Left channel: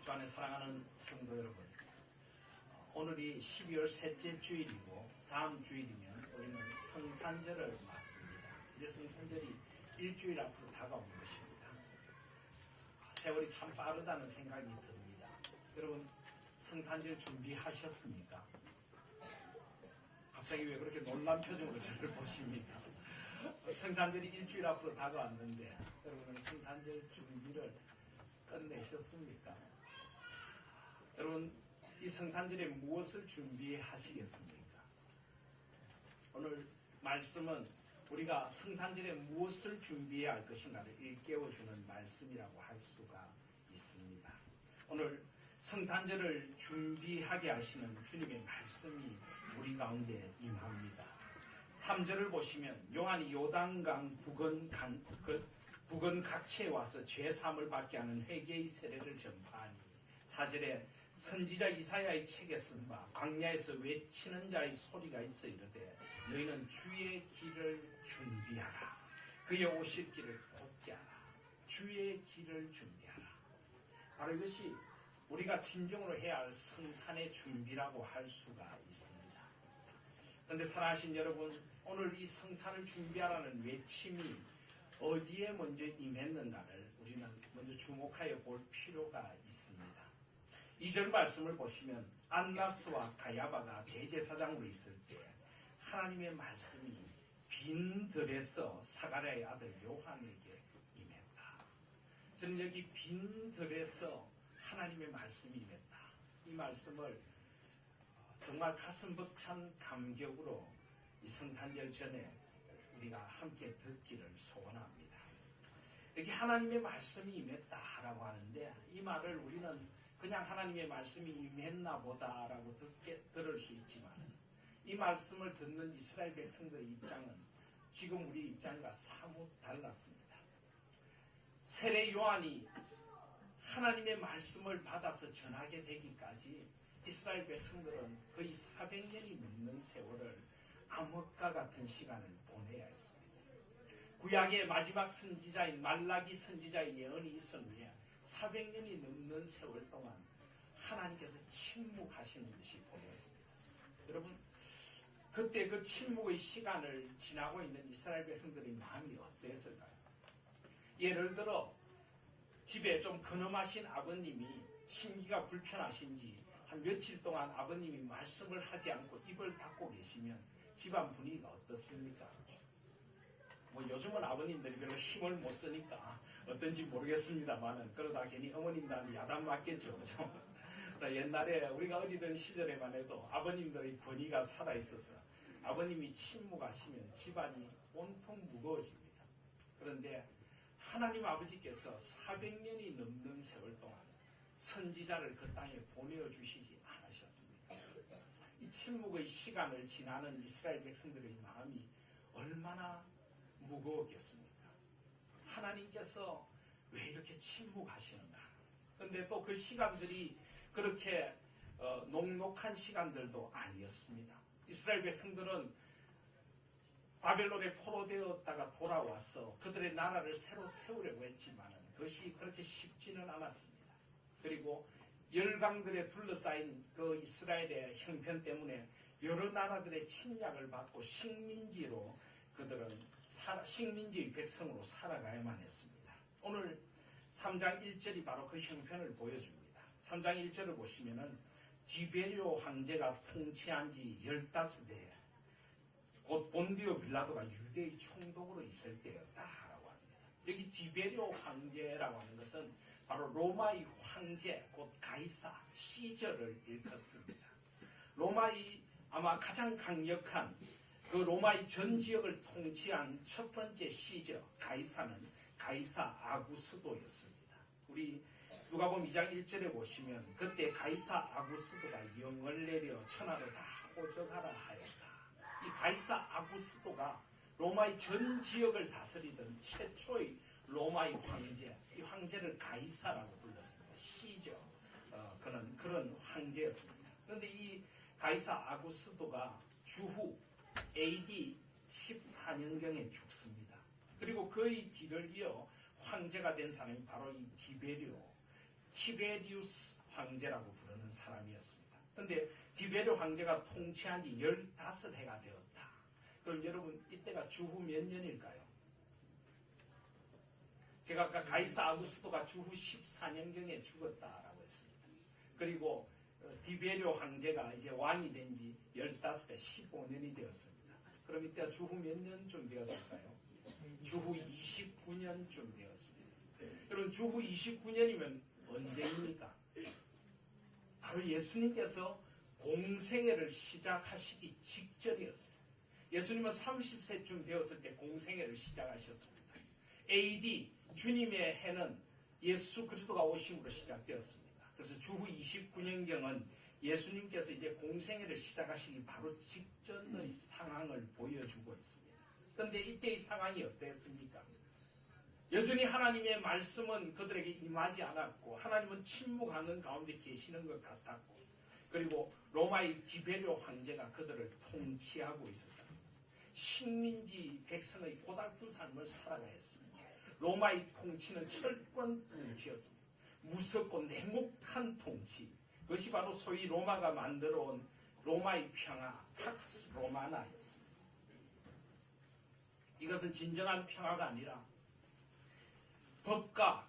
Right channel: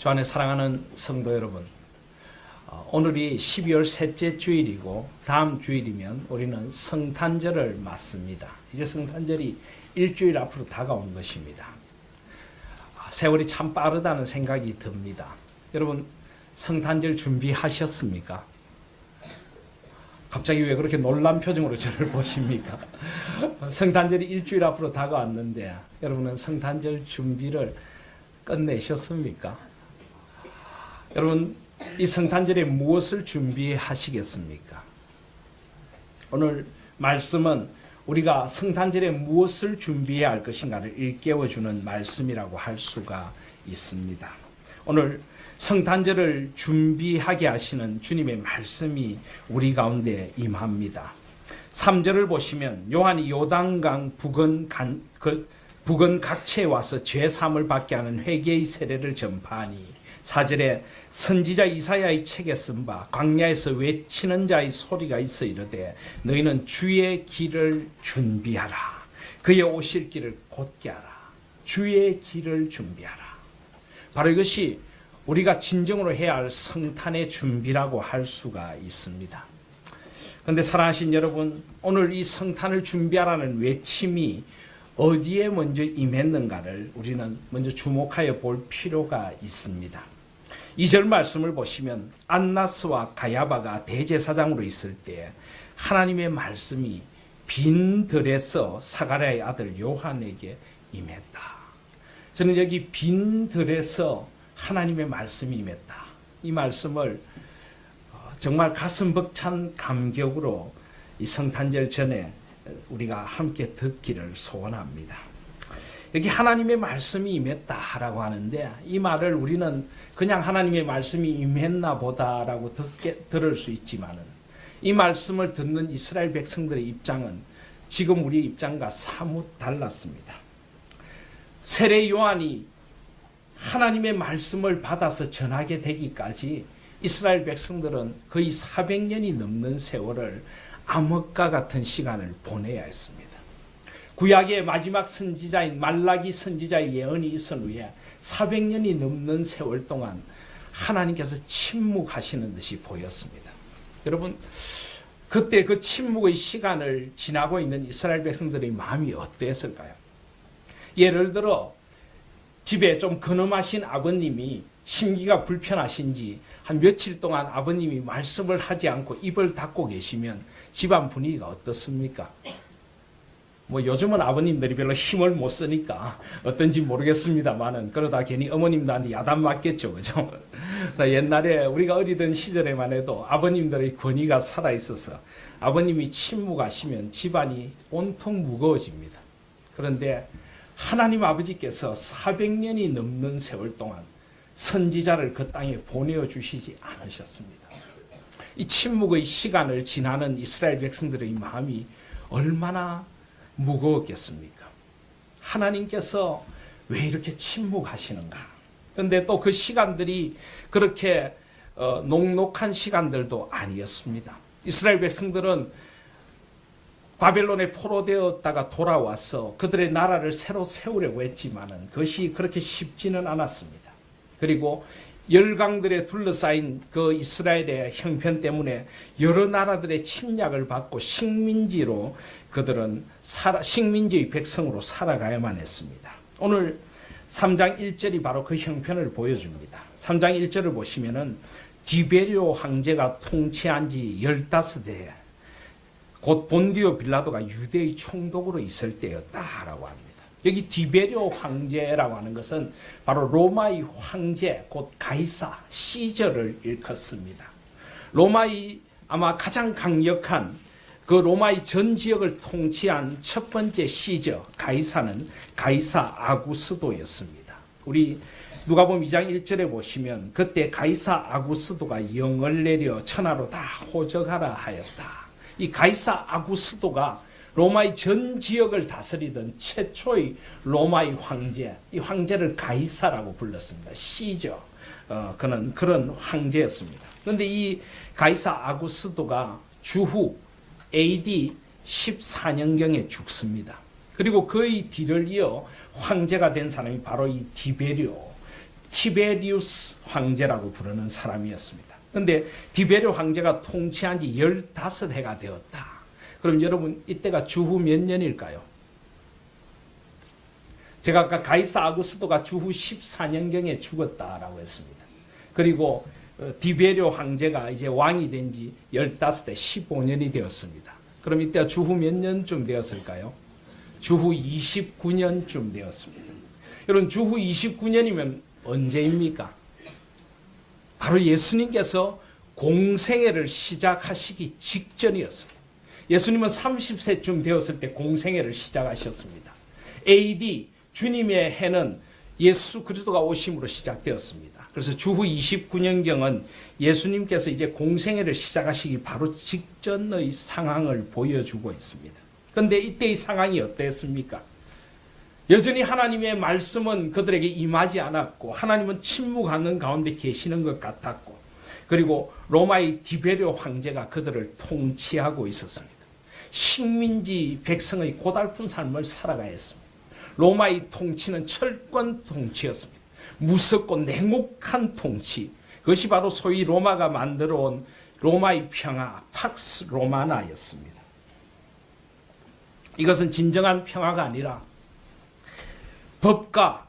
주 안에 사랑하는 성도 여러분, 오늘이 12월 셋째 주일이고 다음 주일이면 우리는 성탄절을 맞습니다. 이제 성탄절이 일주일 앞으로 다가온 것입니다. 세월이 참 빠르다는 생각이 듭니다. 여러분, 성탄절 준비하셨습니까? 갑자기 왜 그렇게 놀란 표정으로 저를 보십니까? 성탄절이 일주일 앞으로 다가왔는데 여러분은 성탄절 준비를 끝내셨습니까? 여러분, 이 성탄절에 무엇을 준비하시겠습니까? 오늘 말씀은 우리가 성탄절에 무엇을 준비해야 할 것인가를 일깨워주는 말씀이라고 할 수가 있습니다. 오늘 성탄절을 준비하게 하시는 주님의 말씀이 우리 가운데 임합니다. 3절을 보시면 요한이 요단강 북은 각처에 와서 죄사함을 받게 하는 회개의 세례를 전파하니 4절에 선지자 이사야의 책에 쓴 바 광야에서 외치는 자의 소리가 있어 이르되 너희는 주의 길을 준비하라. 그의 오실 길을 곧게 하라. 주의 길을 준비하라. 바로 이것이 우리가 진정으로 해야 할 성탄의 준비라고 할 수가 있습니다. 그런데 사랑하신 여러분, 오늘 이 성탄을 준비하라는 외침이 어디에 먼저 임했는가를 우리는 먼저 주목하여 볼 필요가 있습니다. 2절 말씀을 보시면 안나스와 가야바가 대제사장으로 있을 때 하나님의 말씀이 빈 들에서 사가랴의 아들 요한에게 임했다. 저는 여기 빈 들에서 하나님의 말씀이 임했다. 이 말씀을 정말 가슴 벅찬 감격으로 이 성탄절 전에 우리가 함께 듣기를 소원합니다. 여기 하나님의 말씀이 임했다라고 하는데 이 말을 우리는 그냥 하나님의 말씀이 임했나 보다라고 들을 수 있지만은 이 말씀을 듣는 이스라엘 백성들의 입장은 지금 우리 입장과 사뭇 달랐습니다. 세례 요한이 하나님의 말씀을 받아서 전하게 되기까지 이스라엘 백성들은 거의 400년이 넘는 세월을 암흑과 같은 시간을 보내야 했습니다. 구약의 마지막 선지자인 말라기 선지자의 예언이 있은 후에 400년이 넘는 세월 동안 하나님께서 침묵하시는 듯이 보였습니다. 여러분, 그때 그 침묵의 시간을 지나고 있는 이스라엘 백성들의 마음이 어땠을까요? 예를 들어 집에 좀 근엄하신 아버님이 심기가 불편하신지 한 며칠 동안 아버님이 말씀을 하지 않고 입을 닫고 계시면 집안 분위기가 어떻습니까? 요즘은 아버님들이 별로 힘을 못 쓰니까 어떤지 모르겠습니다만은 그러다 괜히 어머님들한테 야단 맞겠죠, 그죠? 옛날에 우리가 어리던 시절에만 해도 아버님들의 권위가 살아 있어서 아버님이 침묵하시면 집안이 온통 무거워집니다. 그런데 하나님 아버지께서 400년이 넘는 세월 동안 선지자를 그 땅에 보내주시지 않으셨습니다. 이 침묵의 시간을 지나는 이스라엘 백성들의 마음이 얼마나 무거웠겠습니까? 하나님께서 왜 이렇게 침묵하시는가? 그런데 또 그 시간들이 그렇게 녹록한 시간들도 아니었습니다. 이스라엘 백성들은 바벨론에 포로되었다가 돌아와서 그들의 나라를 새로 세우려고 했지만은 그것이 그렇게 쉽지는 않았습니다. 그리고 열강들에 둘러싸인 그 이스라엘의 형편 때문에 여러 나라들의 침략을 받고 식민지로 그들은 식민지의 백성으로 살아가야만 했습니다. 오늘 3장 1절이 바로 그 형편을 보여줍니다. 3장 1절을 보시면은 디베리오 황제가 통치한 지 15대, 곧 본디오 빌라도가 유대의 총독으로 있을 때였다라고 합니다. 여기 디베리오 황제라고 하는 것은 바로 로마의 황제, 곧 가이사, 시저를 일컫습니다. 로마의 아마 가장 강력한 그 로마의 전 지역을 통치한 첫 번째 시저 가이사는 가이사 아구스도였습니다. 우리 누가복음 2장 1절에 보시면 그때 가이사 아구스도가 영을 내려 천하로 다 호적하라 하였다. 이 가이사 아구스도가 로마의 전 지역을 다스리던 최초의 로마의 황제, 이 황제를 가이사라고 불렀습니다. 시저, 그는 그런 황제였습니다. 그런데 이 가이사 아구스도가 주후 AD 14년경에 죽습니다. 그리고 그의 뒤를 이어 황제가 된 사람이 바로 이 디베리오 티베리우스 황제라고 부르는 사람이었습니다. 그런데 티베리오 황제가 통치한 지 15해가 되었다. 그럼 여러분 이때가 주후 몇 년일까요? 제가 아까 가이사 아구스토가 주후 14년경에 죽었다라고 했습니다. 그리고 디베리오 황제가 이제 왕이 된 지 15대 15년이 되었습니다. 그럼 이때가 주후 몇 년쯤 되었을까요? 주후 29년쯤 되었습니다. 여러분 주후 29년이면 언제입니까? 바로 예수님께서 공생애를 시작하시기 직전이었습니다. 예수님은 30세쯤 되었을 때 공생애를 시작하셨습니다. AD 주님의 해는 예수 그리스도가 오심으로 시작되었습니다. 그래서 주후 29년경은 예수님께서 이제 공생애를 시작하시기 바로 직전의 상황을 보여주고 있습니다. 그런데 이때의 상황이 어땠습니까? 여전히 하나님의 말씀은 그들에게 임하지 않았고 하나님은 침묵하는 가운데 계시는 것 같았고 그리고 로마의 디베리오 황제가 그들을 통치하고 있었습니다. 식민지 백성의 고달픈 삶을 살아가야 했습니다. 로마의 통치는 철권 통치였습니다. 무섭고 냉혹한 통치. 그것이 바로 소위 로마가 만들어온 로마의 평화, 팍스 로마나였습니다. 이것은 진정한 평화가 아니라 법과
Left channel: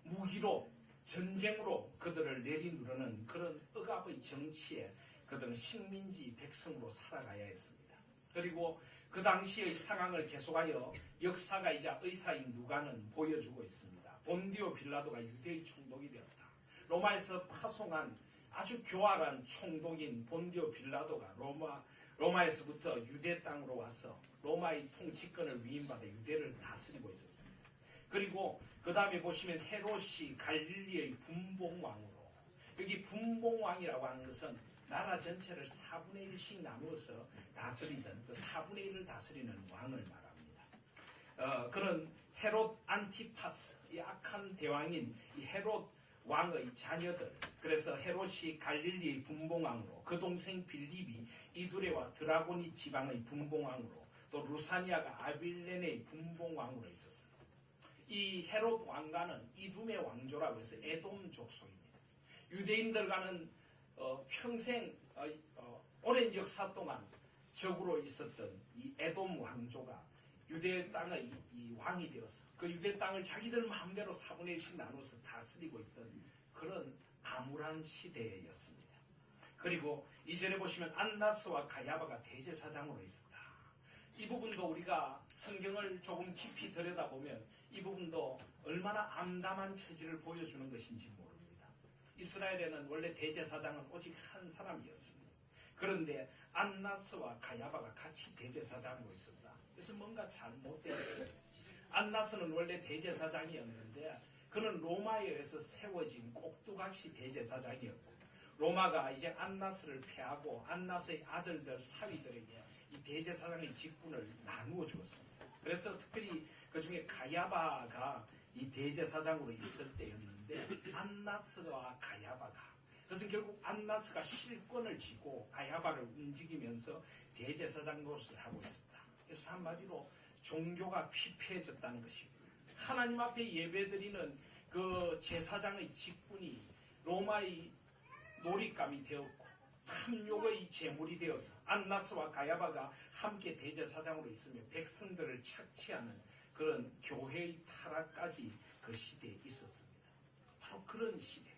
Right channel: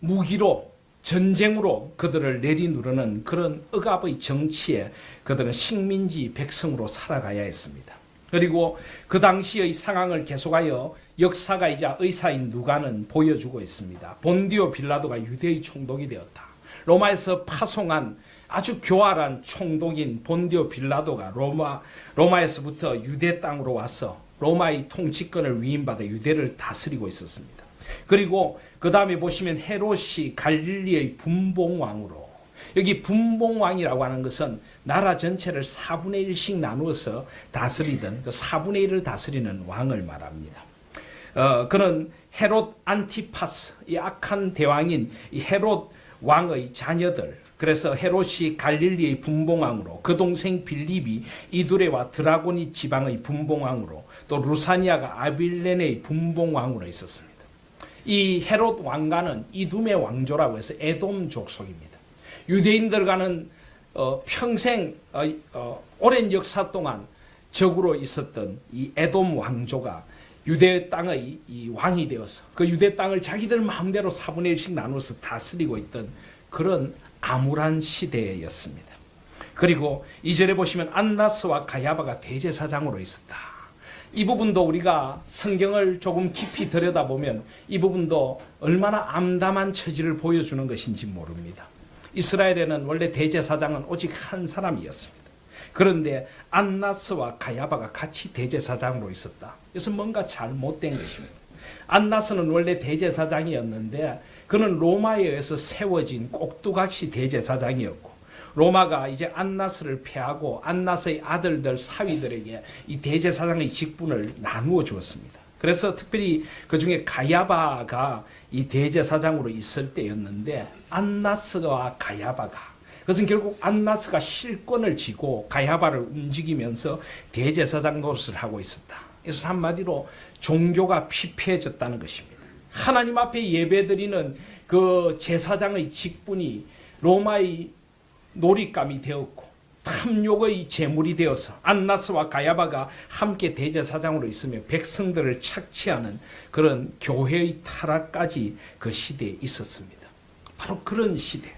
무기로 전쟁으로 그들을 내리누르는 그런 억압의 정치에 그들은 식민지 백성으로 살아가야 했습니다. 그리고 그 당시의 상황을 계속하여 역사가이자 의사인 누가는 보여주고 있습니다. 본디오 빌라도가 유대의 총독이 되었다. 로마에서 파송한 아주 교활한 총독인 본디오 빌라도가 로마에서부터 유대 땅으로 와서 로마의 통치권을 위임받아 유대를 다스리고 있었습니다. 그리고 그 다음에 보시면 헤롯이 갈릴리의 분봉왕으로, 여기 분봉왕이라고 하는 것은 나라 전체를 4분의 1씩 나누어서 다스리던 그 4분의 1을 다스리는 왕을 말합니다. 그는 헤롯 안티파스, 이 악한 대왕인 이 헤롯 왕의 자녀들, 그래서 헤롯이 갈릴리의 분봉왕으로, 그 동생 빌립이 이두레와 드라고니 지방의 분봉왕으로, 또 루사니아가 아빌레네의 분봉왕으로 있었습니다. 이 헤롯 왕가는 이둠의 왕조라고 해서 에돔 족속입니다. 유대인들과는 평생 오랜 역사 동안 적으로 있었던 이 에돔 왕조가 유대 땅의 이 왕이 되어서 그 유대 땅을 자기들 마음대로 4분의 1씩 나눠서 다스리고 있던 그런 암울한 시대였습니다. 그리고 2절에 보시면 안나스와 가야바가 대제사장으로 있었다. 이 부분도 우리가 성경을 조금 깊이 들여다보면 이 부분도 얼마나 암담한 처지를 보여주는 것인지 모릅니다. 이스라엘에는 원래 대제사장은 오직 한 사람이었습니다. 그런데 안나스와 가야바가 같이 대제사장으로 있었다. 그래서 뭔가 잘못된 것입니다. 안나스는 원래 대제사장이었는데 그는 로마에 의해서 세워진 꼭두각시 대제사장이었고 로마가 이제 안나스를 패하고 안나스의 아들들 사위들에게 이 대제사장의 직분을 나누어 주었습니다. 그래서 특별히 그 중에 가야바가 이 대제사장으로 있을 때였는데 안나스와 가야바가, 그것은 결국 안나스가 실권을 쥐고 가야바를 움직이면서 대제사장 노릇을 하고 있었다. 그래서 한마디로 종교가 피폐해졌다는 것입니다. 하나님 앞에 예배드리는 그 제사장의 직분이 로마의 놀잇감이 되었고 탐욕의 제물이 되어서 안나스와 가야바가 함께 대제사장으로 있으며 백성들을 착취하는 그런 교회의 타락까지 그 시대에 있었습니다. 바로 그런 시대에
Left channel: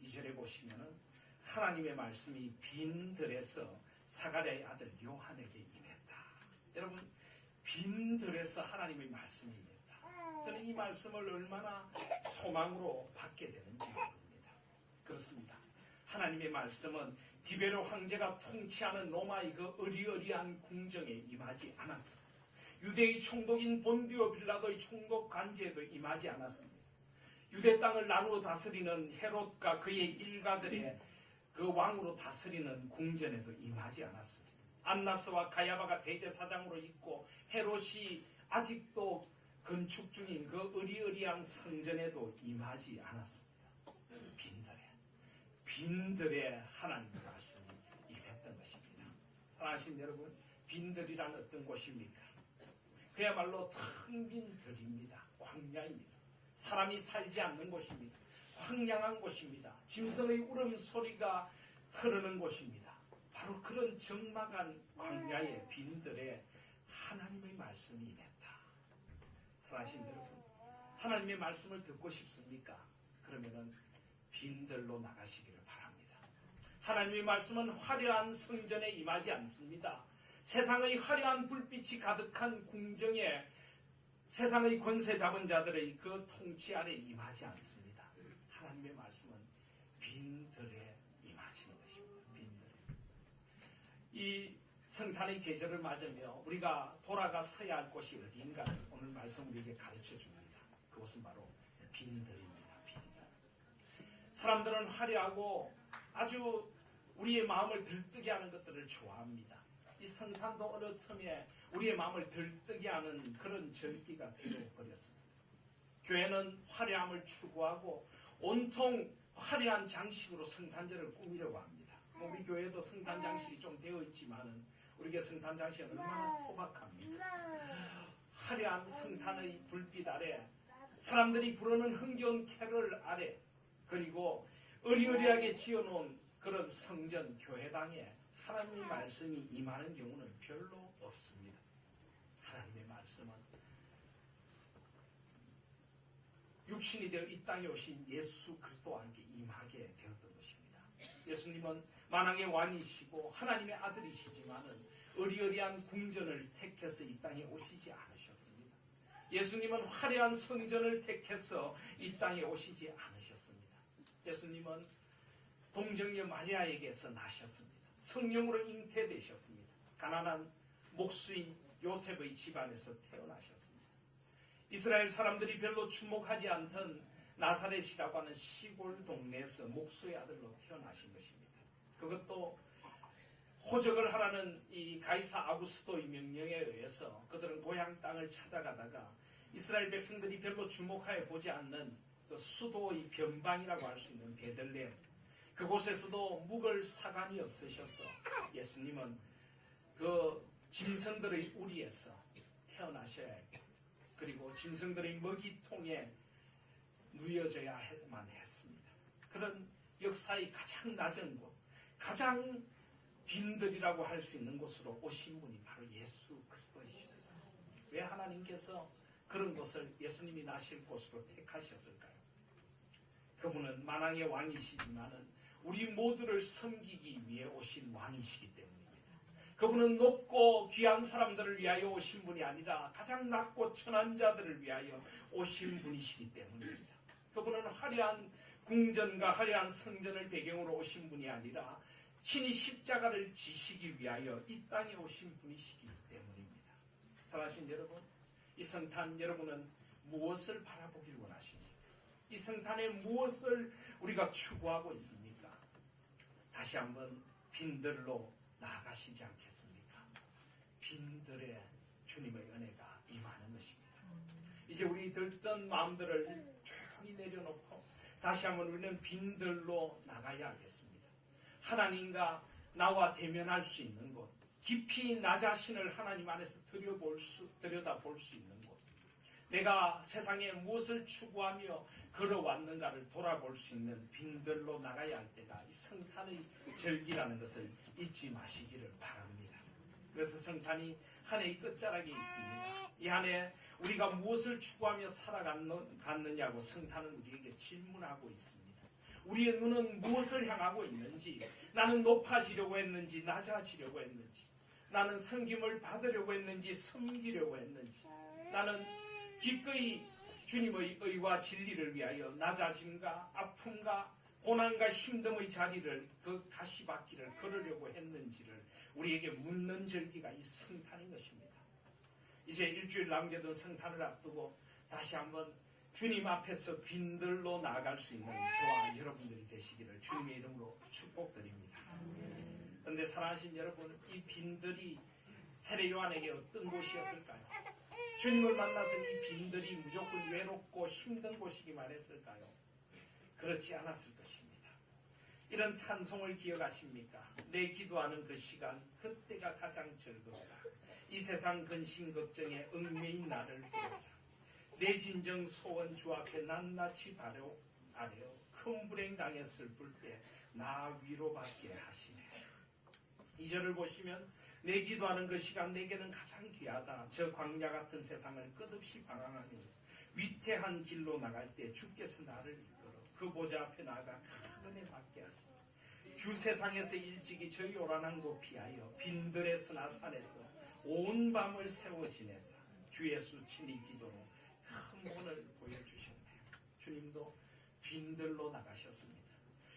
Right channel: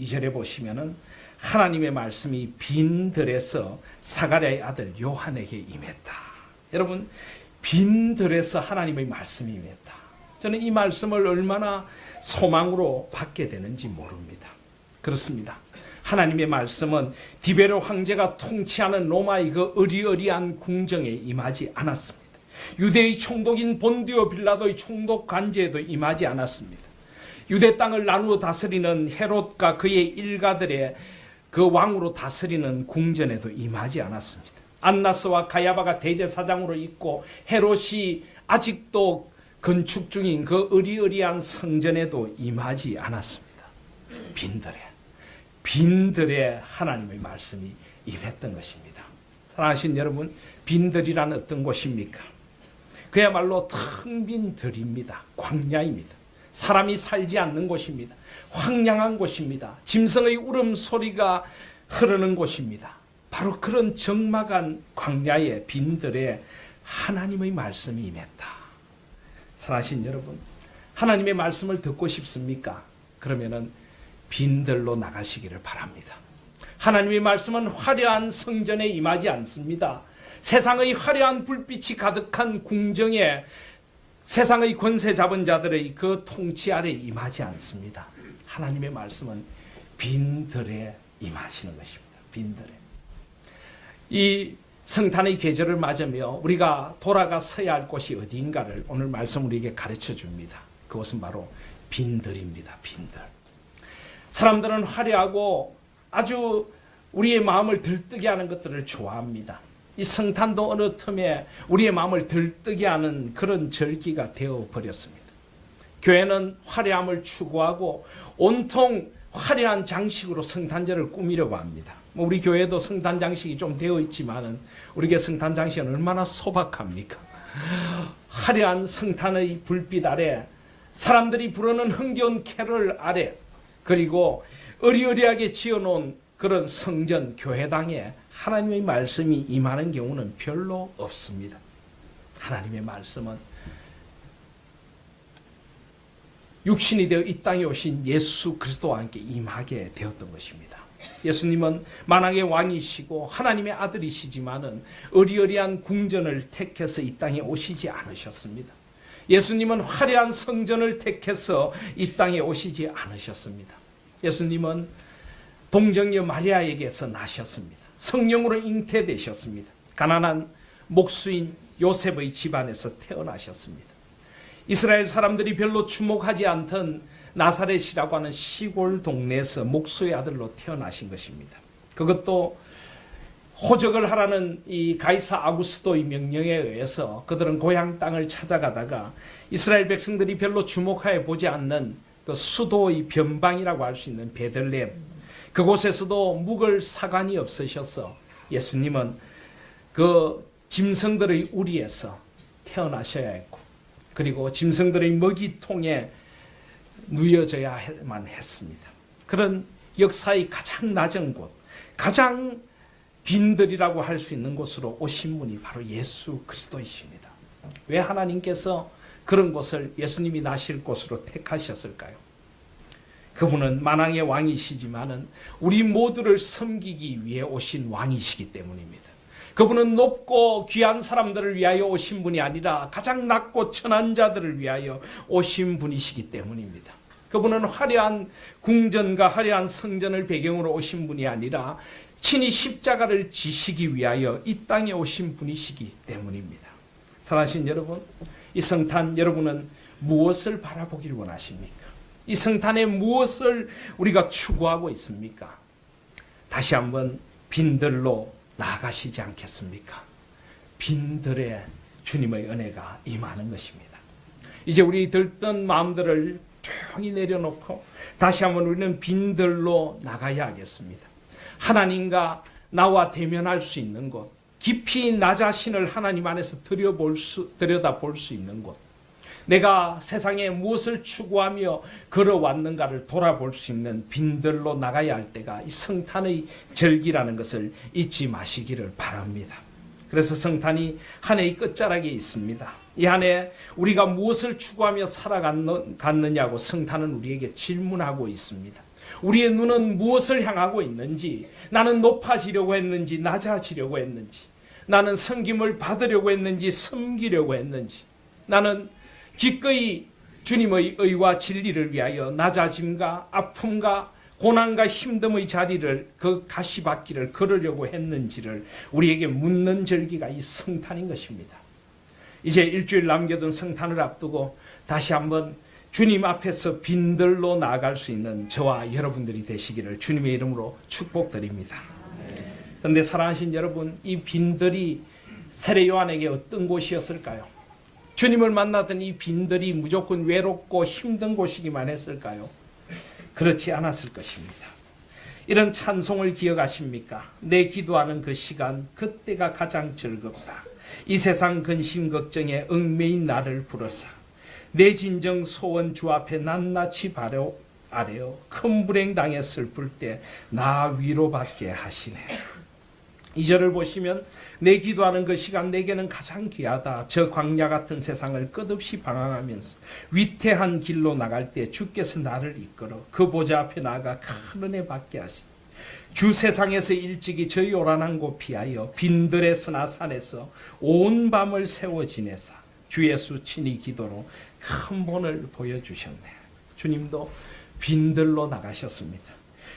2절에 보시면은 하나님의 말씀이 빈들에서 사가랴의 아들 요한에게 임했다. 여러분, 빈들에서 하나님의 말씀이 임했다. 저는 이 말씀을 얼마나 소망으로 받게 되는지 모릅니다. 그렇습니다. 하나님의 말씀은 디베로 황제가 통치하는 로마의 그 어리어리한 궁정에 임하지 않았습니다. 유대의 총독인 본디오 빌라도의 총독 관제에도 임하지 않았습니다. 유대 땅을 나누어 다스리는 헤롯과 그의 일가들의 그 왕으로 다스리는 궁전에도 임하지 않았습니다. 안나스와 가야바가 대제사장으로 있고 헤롯이 아직도 건축 중인 그 어리어리한 성전에도 임하지 않았습니다. 빈들에 하나님의 말씀이 임했던 것입니다. 사랑하신 여러분, 빈들이란 어떤 곳입니까? 그야말로 텅 빈 들입니다. 광야입니다. 사람이 살지 않는 곳입니다. 황량한 곳입니다. 짐승의 울음소리가 흐르는 곳입니다. 바로 그런 적막한 광야의 빈들에 하나님의 말씀이 임했다. 사랑하신 여러분, 하나님의 말씀을 듣고 싶습니까? 그러면은 빈들로 나가시기를 바랍니다. 하나님의 말씀은 화려한 성전에 임하지 않습니다. 세상의 화려한 불빛이 가득한 궁정에 세상의 권세 잡은 자들의 그 통치 아래 임하지 않습니다. 하나님의 말씀은 빈들에 임하시는 것입니다. 빈들에. 이 성탄의 계절을 맞으며 우리가 돌아가 서야 할 곳이 어디인가를 오늘 말씀 우리에게 가르쳐 줍니다. 그것은 바로 빈들입니다. 빈들. 사람들은 화려하고 아주 우리의 마음을 들뜨게 하는 것들을 좋아합니다. 이 성탄도 어느 틈에 우리의 마음을 들뜨게 하는 그런 절기가 되어버렸습니다. 교회는 화려함을 추구하고 온통 화려한 장식으로 성탄절을 꾸미려고 합니다. 우리 교회도 성탄 장식이 좀 되어 있지만은 우리의 성탄 장식은 얼마나 소박합니까? 화려한 성탄의 불빛 아래, 사람들이 부르는 흥겨운 캐럴 아래, 그리고 어리어리하게 지어놓은 그런 성전 교회당에 하나님의 말씀이 임하는 경우는 별로 없습니다. 하나님의 말씀은 육신이 되어 이 땅에 오신 예수 그리스도와 함께 임하게 되었던 것입니다. 예수님은 만왕의 왕이시고 하나님의 아들이시지만은 어리어리한 궁전을 택해서 이 땅에 오시지 않으셨습니다. 예수님은 화려한 성전을 택해서 이 땅에 오시지 않으셨습니다. 예수님은 동정녀 마리아에게서 나셨습니다. 성령으로 잉태되셨습니다. 가난한 목수인 요셉의 집안에서 태어나셨습니다. 이스라엘 사람들이 별로 주목하지 않던 나사렛이라고 하는 시골 동네에서 목수의 아들로 태어나신 것입니다. 그것도 호적을 하라는 이 가이사 아구스도의 명령에 의해서 그들은 고향 땅을 찾아가다가 이스라엘 백성들이 별로 주목해 보지 않는 그 수도의 변방이라고 할 수 있는 베들레헴, 그곳에서도 묵을 사관이 없으셔서 예수님은 그 짐승들의 우리에서 태어나셔야 했고, 그리고 짐승들의 먹이통에 누여져야만 했습니다. 그런 역사의 가장 낮은 곳, 가장 빈들이라고 할 수 있는 곳으로 오신 분이 바로 예수 그리스도이십니다. 왜 하나님께서 그런 곳을 예수님이 나실 곳으로 택하셨을까요? 그분은 만왕의 왕이시지만은 우리 모두를 섬기기 위해 오신 왕이시기 때문입니다. 그분은 높고 귀한 사람들을 위하여 오신 분이 아니라 가장 낮고 천한 자들을 위하여 오신 분이시기 때문입니다. 그분은 화려한 궁전과 화려한 성전을 배경으로 오신 분이 아니라 친히 십자가를 지시기 위하여 이 땅에 오신 분이시기 때문입니다. 사랑하신 여러분, 이 성탄 여러분은 무엇을 바라보길 원하십니까? 이 성탄에 무엇을 우리가 추구하고 있습니까? 다시 한번 빈들로 나아가시지 않겠습니까? 빈들에 주님의 은혜가 임하는 것입니다. 이제 우리 들뜬 마음들을 조용히 내려놓고 다시 한번 우리는 빈들로 나가야 하겠습니다. 하나님과 나와 대면할 수 있는 곳, 깊이 나 자신을 하나님 안에서 들여다볼 수 있는 곳, 내가 세상에 무엇을 추구하며 걸어왔는가를 돌아볼 수 있는 빈들로 나가야 할 때가 이 성탄의 절기라는 것을 잊지 마시기를 바랍니다. 그래서 성탄이 한 해의 끝자락에 있습니다. 이 한 해 우리가 무엇을 추구하며 살아갔느냐고 성탄은 우리에게 질문하고 있습니다. 우리의 눈은 무엇을 향하고 있는지, 나는 높아지려고 했는지 낮아지려고 했는지, 나는 섬김을 받으려고 했는지 섬기려고 했는지, 나는 기꺼이 주님의 의와 진리를 위하여 낮아짐과 아픔과 고난과 힘듦의 자리를, 그 가시밭길을 걸으려고 했는지를 우리에게 묻는 절기가 이 성탄인 것입니다. 이제 일주일 남겨둔 성탄을 앞두고 다시 한번 주님 앞에서 빈들로 나아갈 수 있는 저와 여러분들이 되시기를 주님의 이름으로 축복드립니다. 그런데 사랑하신 여러분, 이 빈들이 세례 요한에게 어떤 곳이었을까요? 주님을 만나던 이 빈들이 무조건 외롭고 힘든 곳이기만 했을까요? 그렇지 않았을 것입니다. 이런 찬송을 기억하십니까? 내 기도하는 그 시간, 그때가 가장 즐겁다. 이 세상 근심 걱정에 얽매인 나를 부르사 내 진정 소원 주 앞에 낱낱이 아래요 큰 불행 당해 슬플 때 나 위로받게 하시네. 2절을 보시면 내 기도하는 그 시간 내게는 가장 귀하다. 저 광야 같은 세상을 끝없이 방황하면서 위태한 길로 나갈 때 주께서 나를 이끌어 그 보좌 앞에 나아가 큰 은혜 받게 하시네. 주 세상에서 일찍이 저 요란한 곳 피하여 빈들의 스나산에서 온 밤을 세워 지내사 주 예수 친히 기도로 큰 본을 보여주셨네. 주님도 빈들로 나가셨습니다.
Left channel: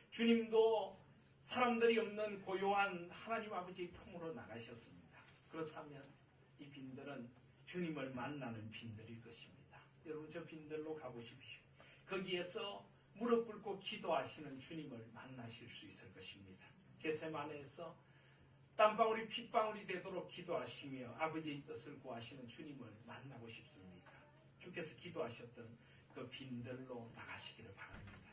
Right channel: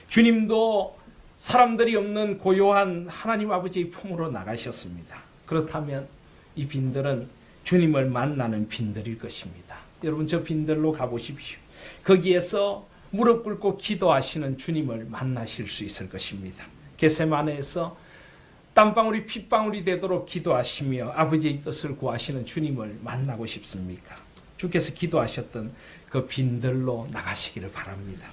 주님도 사람들이 없는 고요한 하나님 아버지의 품으로 나가셨습니다. 그렇다면 이 빈들은 주님을 만나는 빈들일 것입니다. 여러분 저 빈들로 가보십시오. 거기에서 무릎 꿇고 기도하시는 주님을 만나실 수 있을 것입니다. 겟세마네에서 땀방울이 핏방울이 되도록 기도하시며 아버지의 뜻을 구하시는 주님을 만나고 싶습니까? 주께서 기도하셨던 그 빈들로 나가시기를 바랍니다.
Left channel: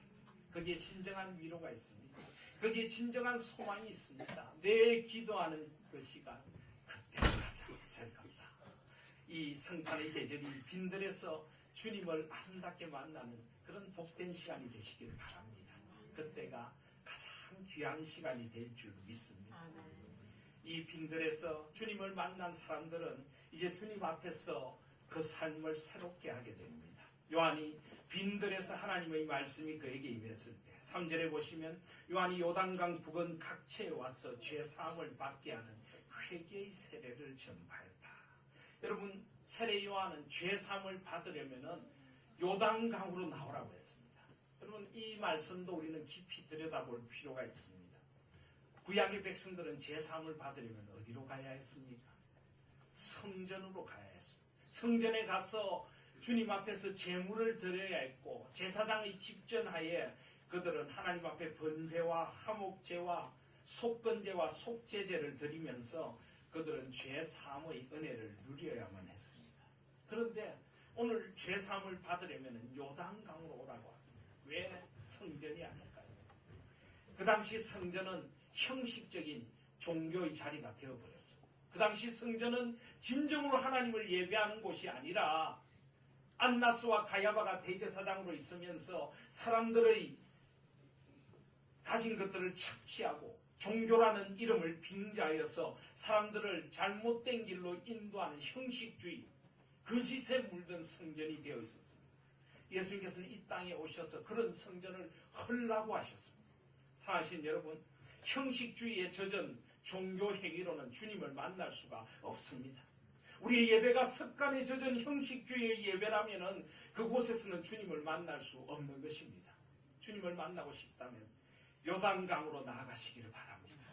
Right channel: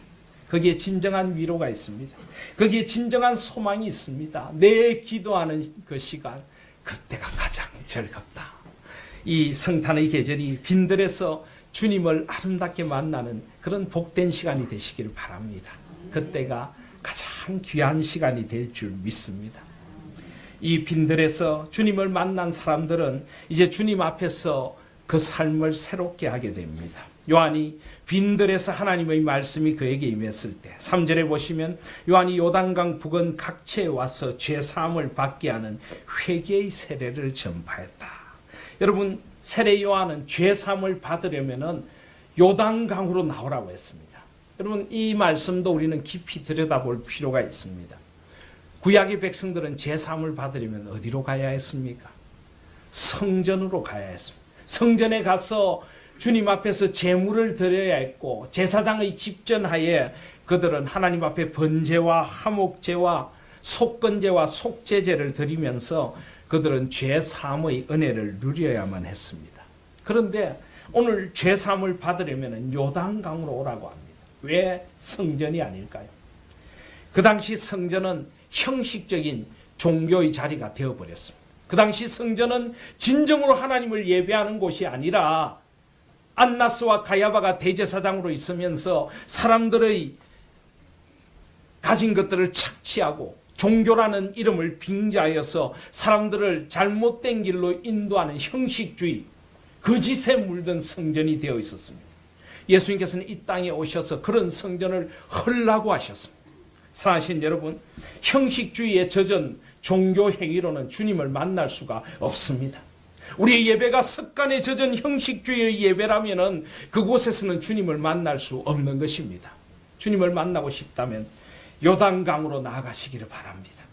거기에 진정한 위로가 있습니다. 거기에 진정한 소망이 있습니다. 내 기도하는 그 시간, 그때가 가장 즐겁다. 이 성탄의 계절이 빈들에서 주님을 아름답게 만나는 그런 복된 시간이 되시기를 바랍니다. 그때가 가장 귀한 시간이 될 줄 믿습니다. 이 빈들에서 주님을 만난 사람들은 이제 주님 앞에서 그 삶을 새롭게 하게 됩니다. 요한이 빈들에서 하나님의 말씀이 그에게 임했을 때 3절에 보시면 요한이 요단강 부근 각지에 와서 죄사함을 받게 하는 회개의 세례를 전파했다. 여러분 세례 요한은 죄사함을 받으려면 요단강으로 나오라고 했습니다. 여러분 이 말씀도 우리는 깊이 들여다볼 필요가 있습니다. 구약의 백성들은 죄사함을 받으려면 어디로 가야 했습니까? 성전으로 가야 했습니다. 성전에 가서 주님 앞에서 제물을 드려야 했고 제사장의 집전하에 그들은 하나님 앞에 번제와 화목제와 속건제와 속죄제를 드리면서 그들은 죄사함의 은혜를 누려야만 했습니다. 그런데 오늘 죄사함을 받으려면 요단강으로 오라고 합니다. 왜 성전이 아닐까요? 그 당시 성전은 형식적인 종교의 자리가 되어버렸습니다. 그 당시 성전은 진정으로 하나님을 예배하는 곳이 아니라 안나스와 가야바가 대제사장으로 있으면서 사람들의 가진 것들을 착취하고 종교라는 이름을 빙자하여서 사람들을 잘못된 길로 인도하는 형식주의, 거짓에 물든 성전이 되어 있었습니다. 예수님께서는 이 땅에 오셔서 그런 성전을 헐라고 하셨습니다. 사랑하신 여러분, 형식주의에 젖은 종교 행위로는 주님을 만날 수가 없습니다. 우리의 예배가 습관에 젖은 형식주의의 예배라면 그곳에서는 주님을 만날 수 없는 것입니다. 주님을 만나고 싶다면 요단강으로 나아가시기를 바랍니다.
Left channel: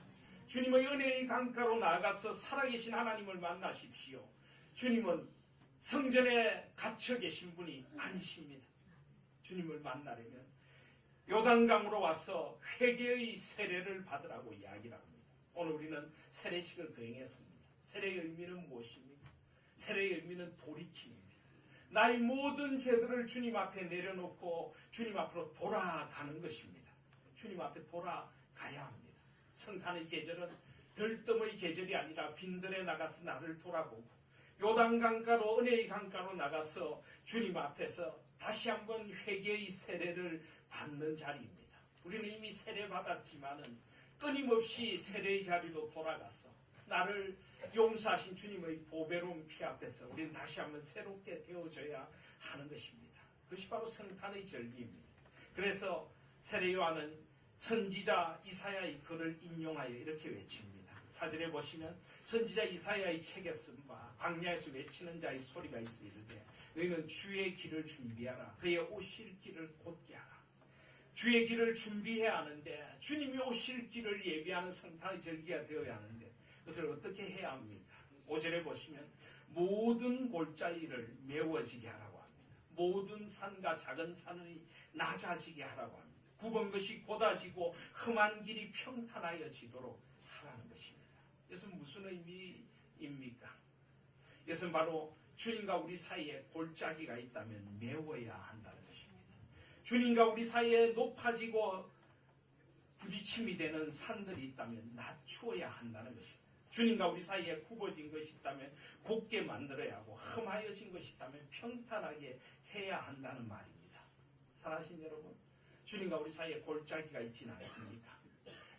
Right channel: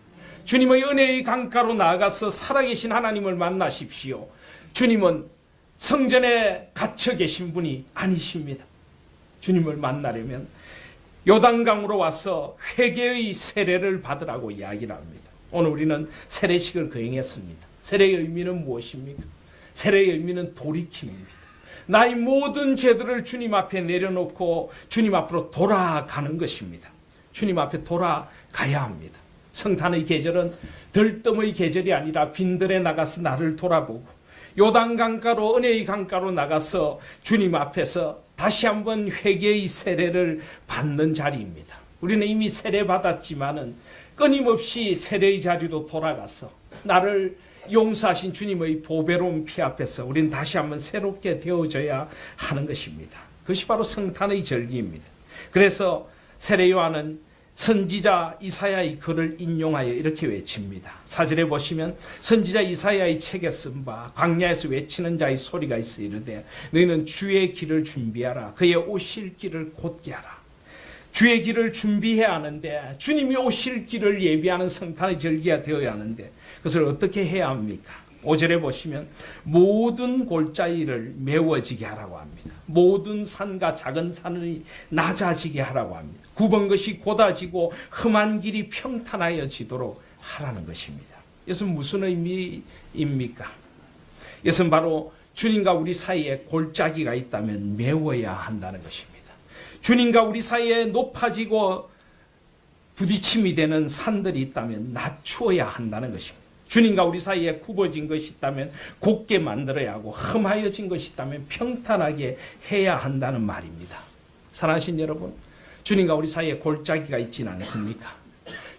주님의 은혜의 강가로 나아가서 살아계신 하나님을 만나십시오. 주님은 성전에 갇혀 계신 분이 아니십니다. 주님을 만나려면 요단강으로 와서 회개의 세례를 받으라고 이야기를 합니다. 오늘 우리는 세례식을 거행했습니다. 세례의 의미는 무엇입니까? 세례의 의미는 돌이킴입니다. 나의 모든 죄들을 주님 앞에 내려놓고 주님 앞으로 돌아가는 것입니다. 주님 앞에 돌아가야 합니다. 성탄의 계절은 들뜸의 계절이 아니라 빈들에 나가서 나를 돌아보고 요단강가로 은혜의 강가로 나가서 주님 앞에서 다시 한번 회개의 세례를 받는 자리입니다. 우리는 이미 세례 받았지만은 끊임없이 세례의 자리로 돌아가서 나를 용서하신 주님의 보배로운 피 앞에서 우리는 다시 한번 새롭게 되어져야 하는 것입니다. 그것이 바로 성탄의 절기입니다. 그래서 세례 요한은 선지자 이사야의 글을 인용하여 이렇게 외칩니다. 4절에 보시면 선지자 이사야의 책에 쓴 바 광야에서 외치는 자의 소리가 있어 이르되 너희는 주의 길을 준비하라. 그의 오실 길을 곧게 하라. 주의 길을 준비해야 하는데 주님이 오실 길을 예비하는 성탄의 절기가 되어야 하는데 그것을 어떻게 해야 합니까? 5절에 보시면 모든 골짜기를 메워지게 하라고 합니다. 모든 산과 작은 산이 낮아지게 하라고 합니다. 굽은 것이 곧아지고 험한 길이 평탄하여지도록 하라는 것입니다. 이것은 무슨 의미입니까? 이것은 바로 주님과 우리 사이에 골짜기가 있다면 메워야 한다는 것입니다. 주님과 우리 사이에 높아지고 부딪힘이 되는 산들이 있다면 낮추어야 한다는 것입니다. 주님과 우리 사이에 굽어진 것이 있다면 곱게 만들어야 하고 험하여진 것이 있다면 평탄하게 해야 한다는 말입니다. 사랑하신 여러분, 주님과 우리 사이에 골짜기가 있지는 않습니까?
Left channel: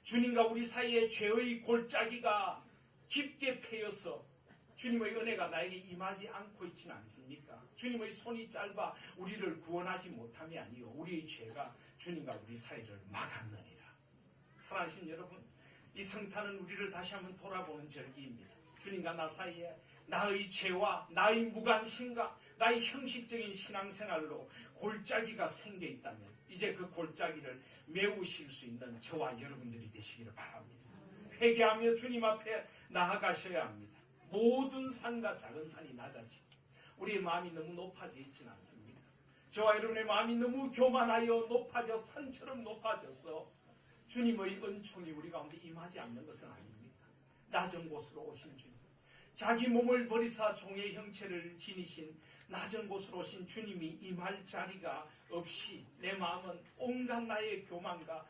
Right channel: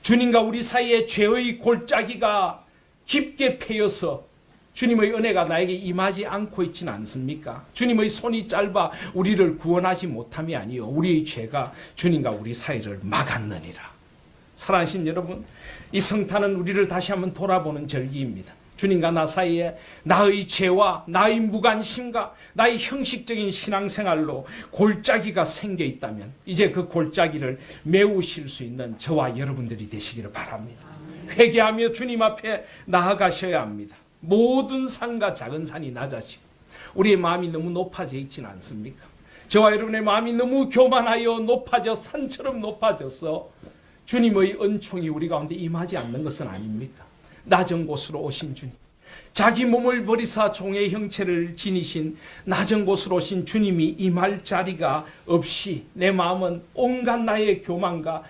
주님과 우리 사이에 죄의 골짜기가 깊게 패여서 주님의 은혜가 나에게 임하지 않고 있지는 않습니까? 주님의 손이 짧아 우리를 구원하지 못함이 아니요 우리의 죄가 주님과 우리 사이를 막았느니라. 사랑하신 여러분, 이 성탄은 우리를 다시 한번 돌아보는 절기입니다. 주님과 나 사이에 나의 죄와 나의 무관심과 나의 형식적인 신앙생활로 골짜기가 생겨 있다면 이제 그 골짜기를 메우실 수 있는 저와 여러분들이 되시기를 바랍니다. 회개하며 주님 앞에 나아가셔야 합니다. 모든 산과 작은 산이 낮아지고 우리의 마음이 너무 높아져 있지는 않습니까? 저와 여러분의 마음이 너무 교만하여 높아져 산처럼 높아져서 주님의 은총이 우리 가운데 임하지 않는 것은 아닙니까? 낮은 곳으로 오신 주님, 자기 몸을 버리사 종의 형체를 지니신 낮은 곳으로 오신 주님이 임할 자리가 없이 내 마음은 온갖 나의 교만과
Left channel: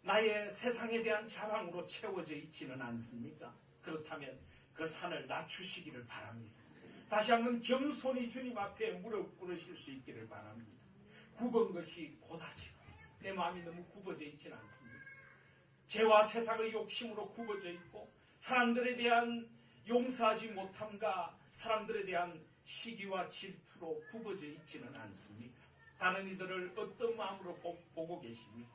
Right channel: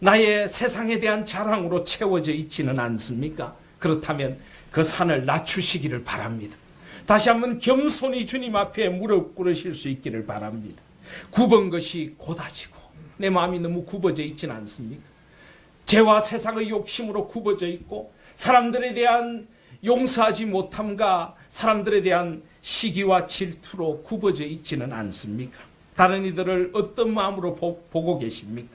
나의 세상에 대한 자랑으로 채워져 있지는 않습니까? 그렇다면 그 산을 낮추시기를 바랍니다. 다시 한번 겸손히 주님 앞에 무릎 꿇으실 수 있기를 바랍니다. 굽은 것이 곧아지고 내 마음이 너무 굽어져 있지는 않습니까? 죄와 세상의 욕심으로 굽어져 있고 사람들에 대한 용서하지 못함과 사람들에 대한 시기와 질투로 굽어져 있지는 않습니까? 다른 이들을 어떤 마음으로 보고 계십니까?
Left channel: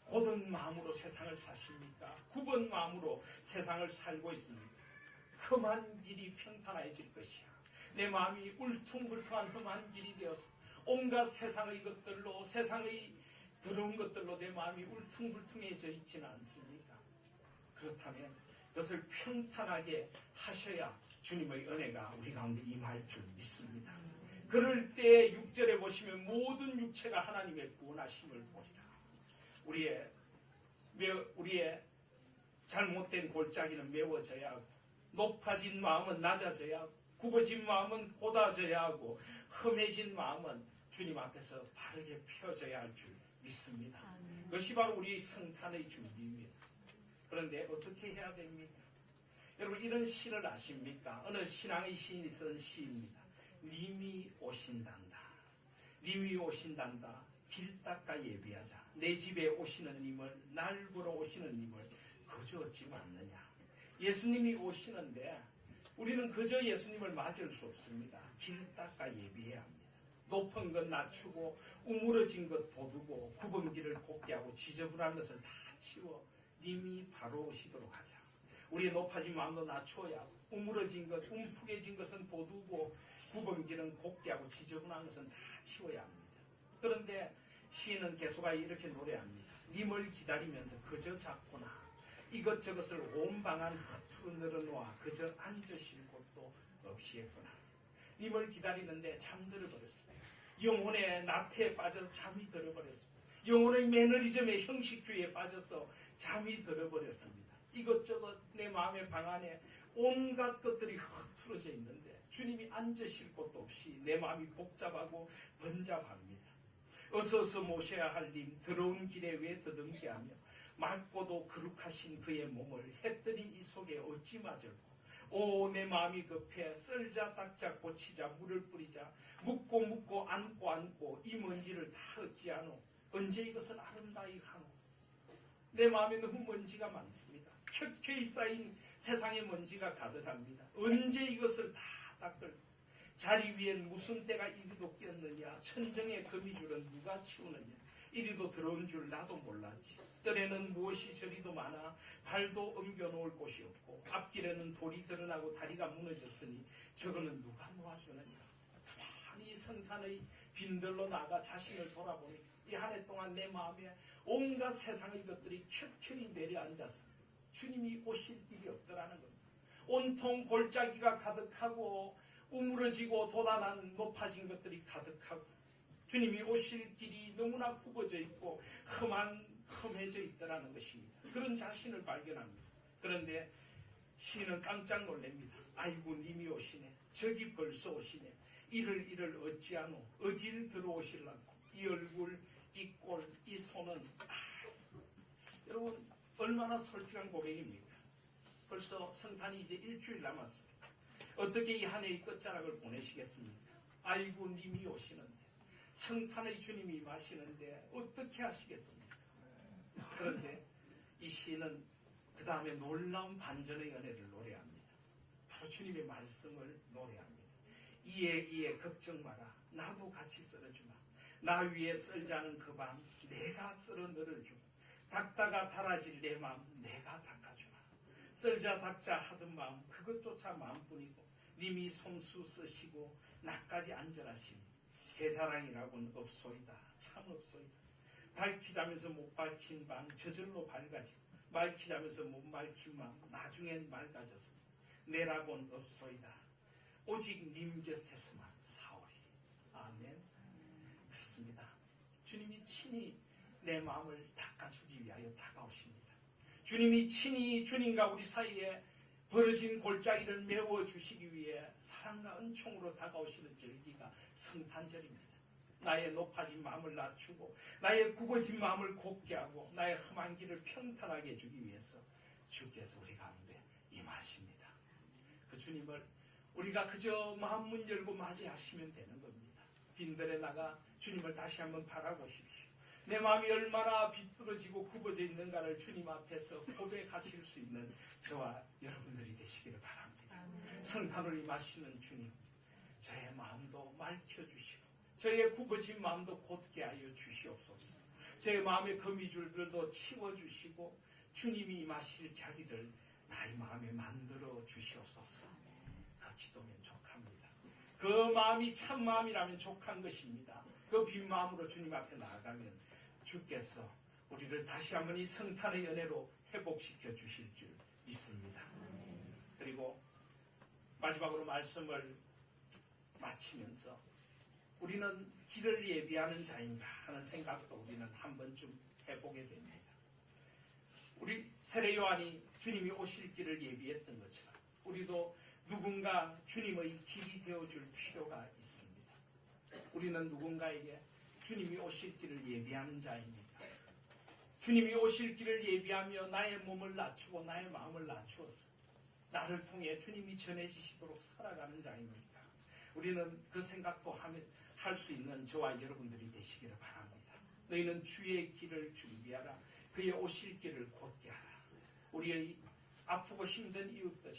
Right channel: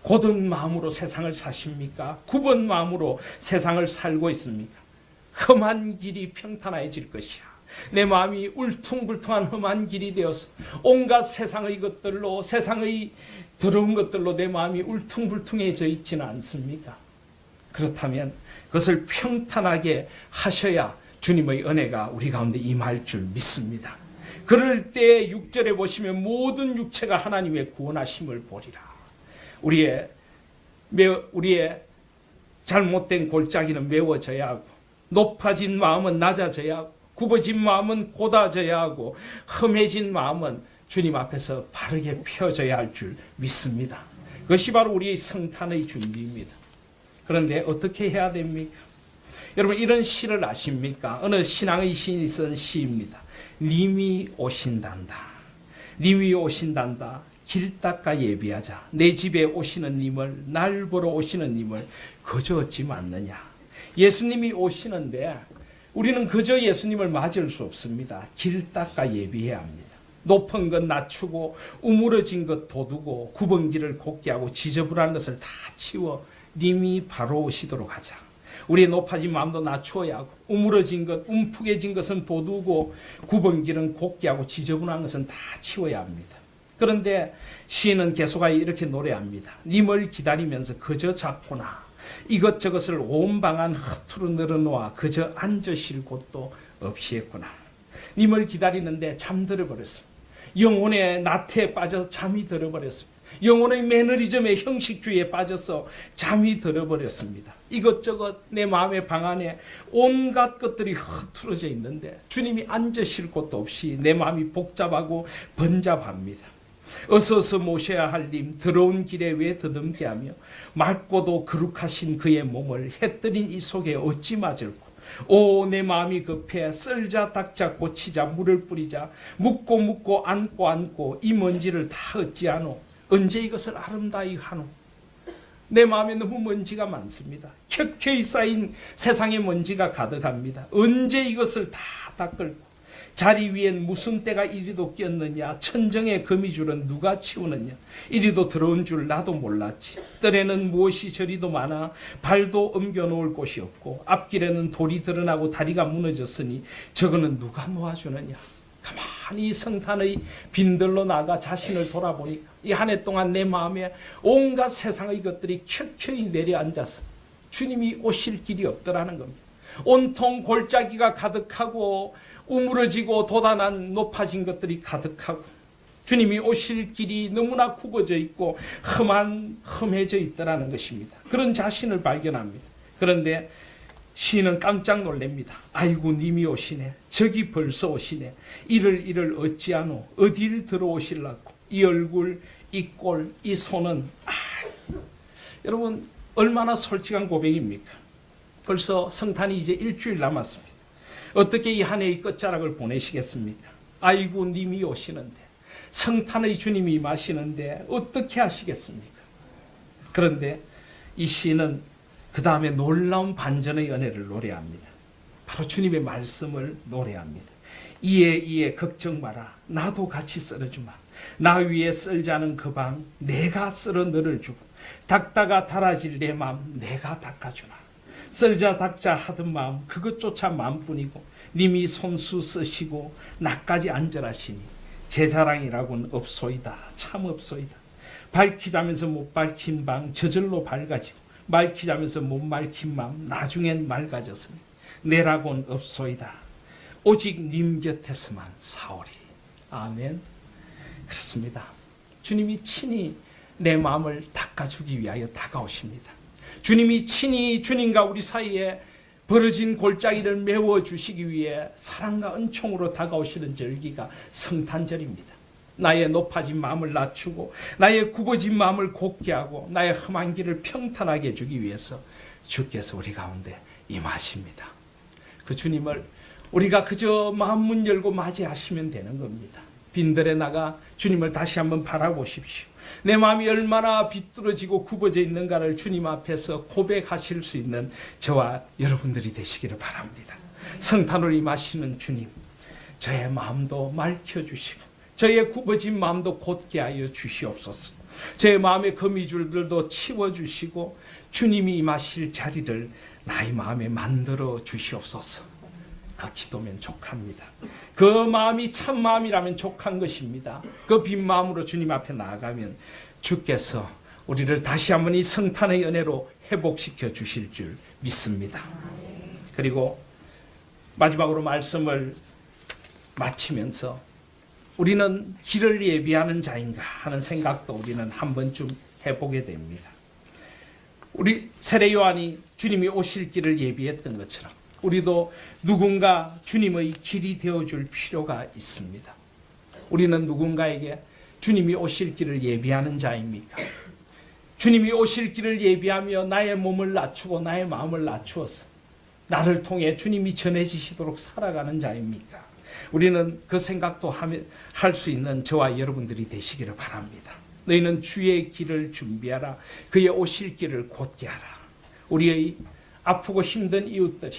곧은 마음으로 세상을 사십니까? 굽은 마음으로 세상을 살고 있습니까? 험한 길이 평탄해질 것이야. 내 마음이 울퉁불퉁한 험한 길이 되어서 온갖 세상의 것들로 세상의 더러운 것들로 내 마음이 울퉁불퉁해져 있지는 않습니까? 그렇다면 그것을 평탄하게 하셔야 주님의 은혜가 우리 가운데 임할 줄 믿습니다. 그럴 때 6절에 보시면 모든 육체가 하나님의 구원하심을 보리라. 우리의 잘못된 골짜기는 메워져야 하고 높아진 마음은 낮아져야 하고 굽어진 마음은 곧아져야 하고 험해진 마음은 주님 앞에서 바르게 펴져야 할 줄 믿습니다. 그것이 바로 우리의 성탄의 준비입니다. 그런데 어떻게 해야 됩니까? 여러분 이런 시를 아십니까? 어느 신앙의 시인이 쓴 시입니다. 님이 오신단다. 님이 오신단다. 길 닦아 예비하자. 내 집에 오시는 님을 날 보러 오시는 님을 그저 어찌 맞느냐. 예수님이 오시는데 우리는 그저 예수님을 맞을 수 없습니다. 길 닦아 예비해야 합니다. 높은 것 낮추고 우물어진 것 돋우고 굽은 길을 곧게 하고 지저분한 것을 다 치워 님이 바로 오시도록 하자. 우리의 높아진 마음도 낮추어야 하고 우물어진 것, 움푹해진 것은 돋우고 굽은 길은 곧게 하고 지저분한 것은 다 치워야 합니다. 그런데 시인은 계속하여 이렇게 노래합니다. 님을 기다리면서 그저 잡고나 이것저것을 온 방 안 허투루 늘어놓아 그저 앉으실 곳도 없이 했구나. 님을 기다리는데 잠들어 버렸습니다. 영혼의 나태에 빠져서 잠이 들어버렸습니다. 영혼의 매너리즘의 형식주의에 빠져서 잠이 들어버렸습니다. 이것저것 내 마음의 방 안에 온갖 것들이 흐트러져 있는데 주님이 앉으실 곳도 없이 내 마음이 복잡하고 번잡합니다. 어서 모셔야 할 님 더러운 길에 왜 더듬게 하며 맑고도 거룩하신 그의 몸을 해뜨린 이 속에 어찌 맞을꼬. 오 내 마음이 급해 썰자 닦자 고치자 물을 뿌리자 묻고 안고 이 먼지를 다 어찌하노. 언제 이것을 아름다이 하노. 내 마음에 너무 먼지가 많습니다. 켜켜이 쌓인 세상의 먼지가 가득합니다. 언제 이것을 다 닦을꼬. 자리 위엔 무슨 때가 이리도 꼈느냐. 천정의 거미줄은 누가 치우느냐. 이리도 들어온 줄 나도 몰랐지. 뜰에는 무엇이 저리도 많아 발도 옮겨놓을 곳이 없고 앞길에는 돌이 드러나고 다리가 무너졌으니 저거는 누가 놓아주느냐. 가만히 성탄의 빈들로 나가 자신을 돌아보니까 이 한 해 동안 내 마음에 온갖 세상의 것들이 켜켜이 내려앉아서 주님이 오실 길이 없더라는 겁니다. 온통 골짜기가 가득하고 우물어지고 돋아난 높아진 것들이 가득하고 주님이 오실 길이 너무나 굽어져 있고 험해져 있더라는 것입니다. 그런 자신을 발견합니다. 그런데 시인은 깜짝 놀랍니다. 아이고 님이 오시네. 저기 벌써 오시네. 이를 어찌하노. 어딜 들어오실라고. 이 얼굴, 이 꼴, 이 손은 여러분 얼마나 솔직한 고백입니까? 벌써 성탄이 이제 일주일 남았습니다. 어떻게 이 한 해의 끝자락을 보내시겠습니까? 아이고 님이 오시는데 성탄의 주님이 임하시는데 어떻게 하시겠습니까? 그런데 이 시인은 그 다음에 놀라운 반전의 은혜를 노래합니다. 바로 주님의 말씀을 노래합니다. 이에 걱정 마라. 나도 같이 썰어주마. 나 위에 썰자는 그 방 내가 썰어 너를 주고 닦다가 달아질 내 마음 내가 닦아주마. 썰자 닦자 하던 마음 그것조차 마음뿐이고 님이 손수 쓰시고 나까지 안절하시니 제 자랑이라고는 없소이다. 참 없소이다. 밝히자면서 못 밝힌 방 저절로 밝아지고 맑히자면서 못 맑힌 마음 나중엔 맑아졌으니 내라고는 없소이다. 오직 님 곁에서만 사오리. 아멘. 그렇습니다. 주님이 친히 내 마음을 닦아주기 위하여 다가오십니다. 주님이 친히 주님과 우리 사이에 벌어진 골짜기를 메워주시기 위해 사랑과 은총으로 다가오시는 절기가 성탄절입니다. 나의 높아진 마음을 낮추고 나의 굽어진 마음을 곧게 하고 나의 험한 길을 평탄하게 해주기 위해서 주께서 우리 가운데 임하십니다. 그 주님을 우리가 그저 마음 문 열고 맞이하시면 되는 겁니다. 빈들에 나가 주님을 다시 한번 바라보십시오. 내 마음이 얼마나 비뚤어지고 굽어져 있는가를 주님 앞에서 고백하실 수 있는 저와 여러분들이 되시기를 바랍니다. 성탄으로 임하시는 주님, 저의 마음도 맑혀주시고 저의 굽어진 마음도 곧게 하여 주시옵소서. 제 마음의 거미줄들도 치워주시고 주님이 임하실 자리를 나의 마음에 만들어 주시옵소서. 그 기도면 족합니다. 그 마음이 참 마음이라면 족한 것입니다. 그 빈 마음으로 주님 앞에 나아가면 주께서 우리를 다시 한번 이 성탄의 은혜로 회복시켜 주실 줄 믿습니다. 그리고 마지막으로 말씀을 마치면서 우리는 길을 예비하는 자인가 하는 생각도 우리는 한 번쯤 해보게 됩니다. 우리 세례 요한이 주님이 오실 길을 예비했던 것처럼 우리도 누군가 주님의 길이 되어줄 필요가 있습니다. 우리는 누군가에게 주님이 오실 길을 예비하는 자입니까? 주님이 오실 길을 예비하며 나의 몸을 낮추고 나의 마음을 낮추어서 나를 통해 주님이 전해지시도록 살아가는 자입니까? 우리는 그 생각도 할 수 있는 저와 여러분들이 되시기를 바랍니다. 너희는 주의 길을 준비하라. 그의 오실 길을 곧게 하라. 우리의 아프고 힘든 이웃들이,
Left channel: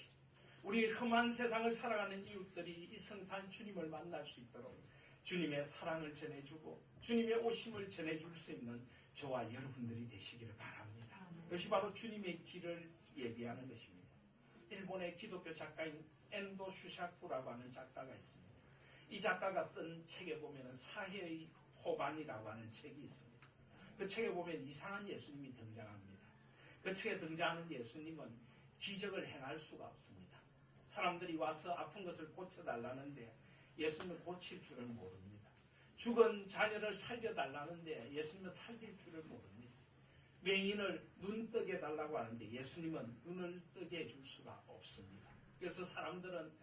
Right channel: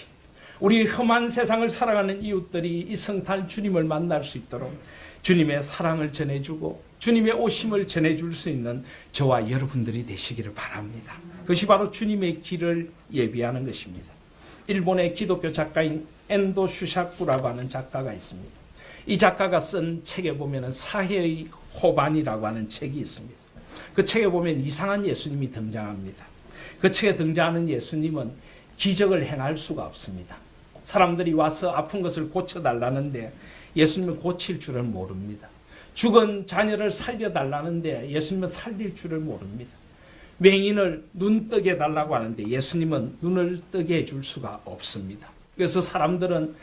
우리 험한 세상을 살아가는 이웃들이 이 성탄 주님을 만날 수 있도록 주님의 사랑을 전해주고 주님의 오심을 전해줄 수 있는 저와 여러분들이 되시기를 바랍니다. 그것이 바로 주님의 길을 예비하는 것입니다. 일본의 기독교 작가인 엔도 슈샤쿠라고 하는 작가가 있습니다. 이 작가가 쓴 책에 보면 사해의 호반이라고 하는 책이 있습니다. 그 책에 보면 이상한 예수님이 등장합니다. 그 책에 등장하는 예수님은 기적을 행할 수가 없습니다. 사람들이 와서 아픈 것을 고쳐달라는데 예수님은 고칠 줄을 모릅니다. 죽은 자녀를 살려달라는데 예수님은 살릴 줄을 모릅니다. 맹인을 눈 뜨게 해달라고 하는데 예수님은 눈을 뜨게 해줄 수가 없습니다. 그래서 사람들은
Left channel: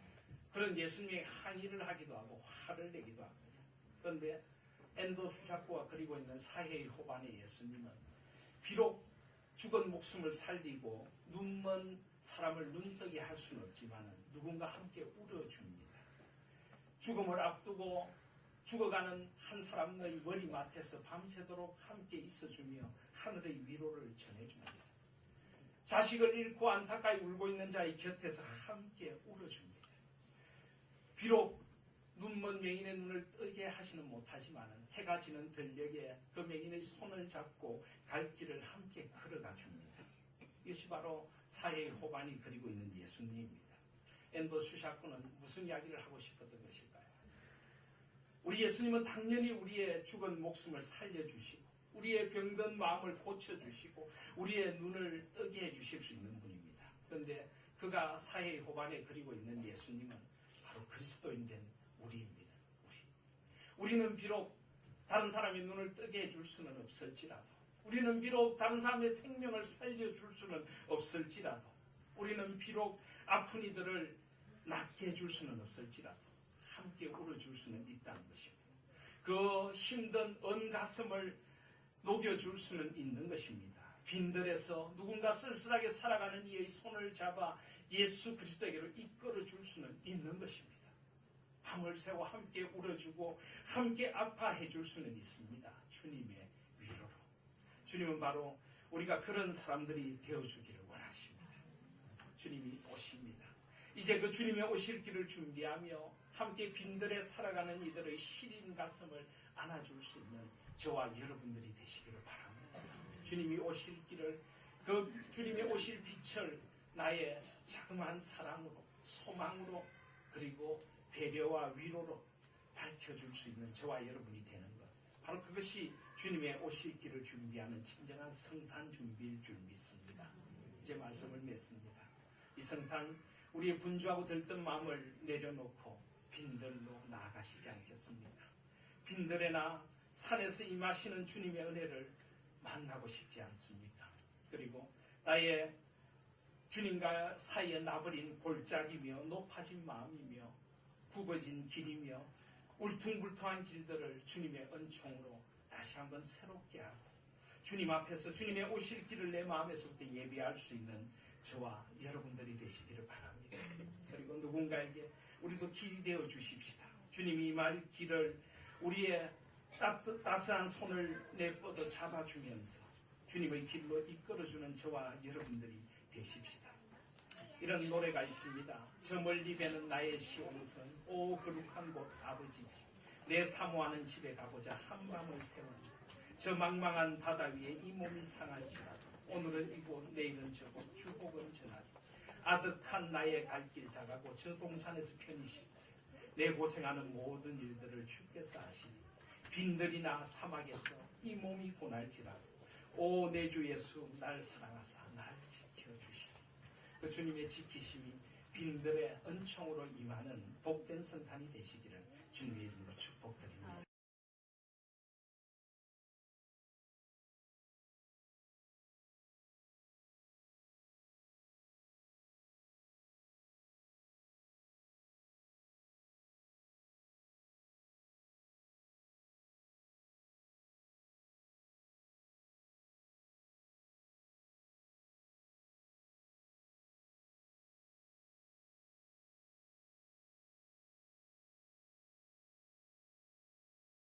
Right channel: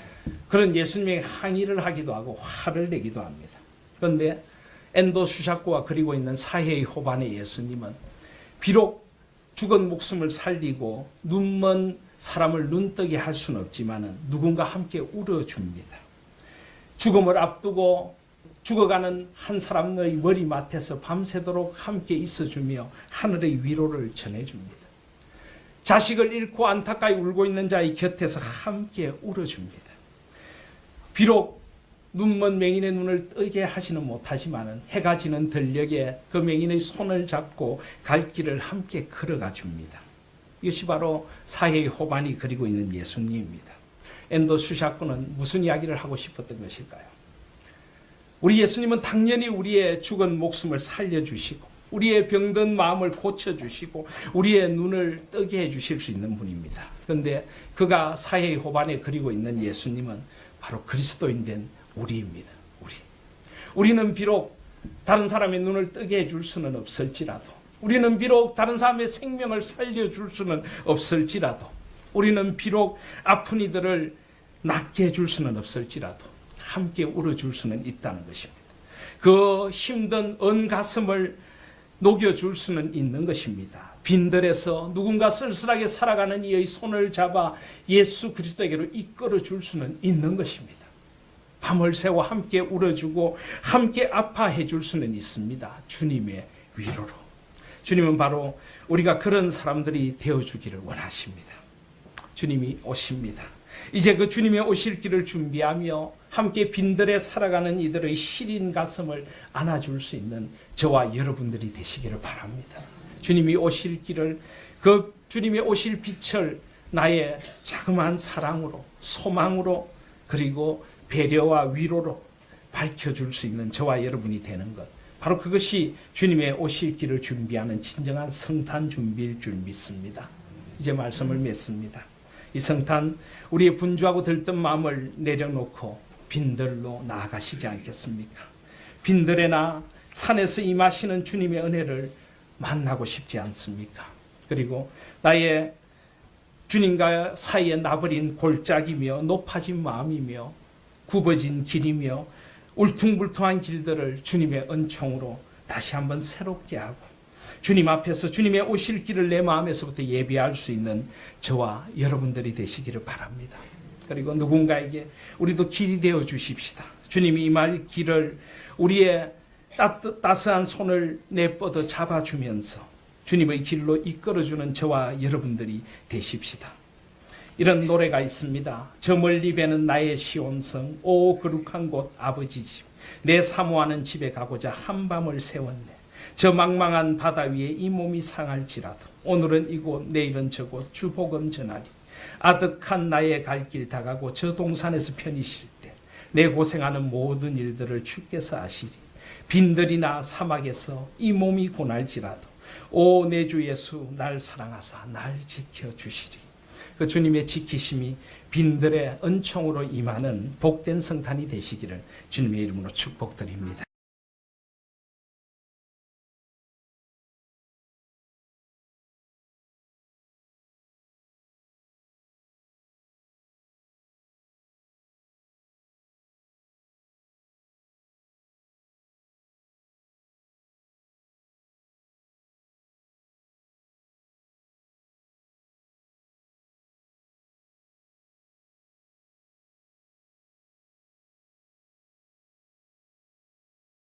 그런 예수님에게 항의를 하기도 하고 화를 내기도 합니다. 그런데 엔도 슈샤쿠가 그리고 있는 사해의 호반의 예수님은 비록 죽은 목숨을 살리고 눈먼 사람을 눈뜨게 할 수는 없지만 누군가 함께 울어줍니다. 죽음을 앞두고 죽어가는 한 사람의 머리맡에서 밤새도록 함께 있어주며 하늘의 위로를 전해줍니다. 자식을 잃고 안타까이 울고 있는 자의 곁에서 함께 울어줍니다. 비록 눈먼 맹인의 눈을 뜨게 하지는 못하지만 해가 지는 들녘에 그 맹인의 손을 잡고 갈 길을 함께 걸어가 줍니다. 이것이 바로 사해의 호반이 그리고 있는 예수님입니다. 엔도 슈샤쿠는 무슨 이야기를 하고 싶었던 것일까요? 우리 예수님은 당연히 우리의 죽은 목숨을 살려주시고 우리의 병든 마음을 고쳐주시고 우리의 눈을 뜨게 해주실 수 있는 분입니다. 그런데 그가 사해의 호반에 그리고 있는 예수님은 바로 그리스도인 된 우리입니다. 우리는 비록 다른 사람의 눈을 뜨게 해줄 수는 없을지라도, 우리는 비록 다른 사람의 생명을 살려줄 수는 없을지라도, 우리는 비록 아픈 이들을 낫게 해줄 수는 없을지라도 함께 울어줄 수는 있다는 것입니다. 그 힘든 언 가슴을 녹여줄 수는 있는 것입니다. 빈들에서 누군가 쓸쓸하게 살아가는 이의 손을 잡아 예수 그리스도에게로 이끌어 줄 수는 있는 것입니다. 밤을 새워 함께 울어주고 함께 아파해 줄 수는 있습니다. 주님의 위로로. 주님은 바로 우리가 그런 사람들이 되어주기를 원하십니다. 주님이 오십니다. 이제 그 주님의 오실 길을 준비하며 함께 빈들에 살아가는 이들의 시린 가슴을 안아줄 수 있는 저와 여러분들이 되시기를 바랍니다. 주님이 오실 길을, 그 주님의 오실 빛을 나의 자그마한 사랑으로, 소망으로, 그리고 배려와 위로로 밝혀줄 수 있는 저와 여러분이 되는 것, 바로 그것이 주님의 오실 길을 준비하는 진정한 성탄 준비일 줄 믿습니다. 이제 말씀을 맺습니다. 이 성탄, 우리의 분주하고 들뜬 마음을 내려놓고 빈들로 나아가시지 않겠습니까? 빈들에나 산에서 임하시는 주님의 은혜를 만나고 싶지 않습니까? 그리고 나의 주님과 사이에 나버린 골짜기며 높아진 마음이며 굽어진 길이며 울퉁불퉁한 길들을 주님의 은총으로 다시 한번 새롭게 하고 주님 앞에서 주님의 오실 길을 내 마음에서부터 예비할 수 있는 저와 여러분들이 되시기를 바랍니다. 그리고 누군가에게 우리도 길이 되어 주십시다. 주님이 임할 길을 우리의 따스한 손을 내뻗어 잡아주면서 주님의 길로 이끌어주는 저와 여러분들이 되십시다. 이런 노래가 있습니다. 저 멀리 배는 나의 시온성, 오 거룩한 곳 아버지 집, 내 사모하는 집에 가고자 한밤을 세웠네. 저 망망한 바다 위에 이 몸이 상할지라도 오늘은 이곳 내일은 저곳 주복음 전하리. 아득한 나의 갈 길 다가고 저 동산에서 편히 쉴 때 내 고생하는 모든 일들을 주께서 아시리. 빈들이나 사막에서 이 몸이 고날지라도 오 내 주 예수 날 사랑하사 날 지켜주시리. 그 주님의 지키심이 빈들의 은총으로 임하는 복된 성탄이 되시기를 주님의 이름으로 축복드립니다.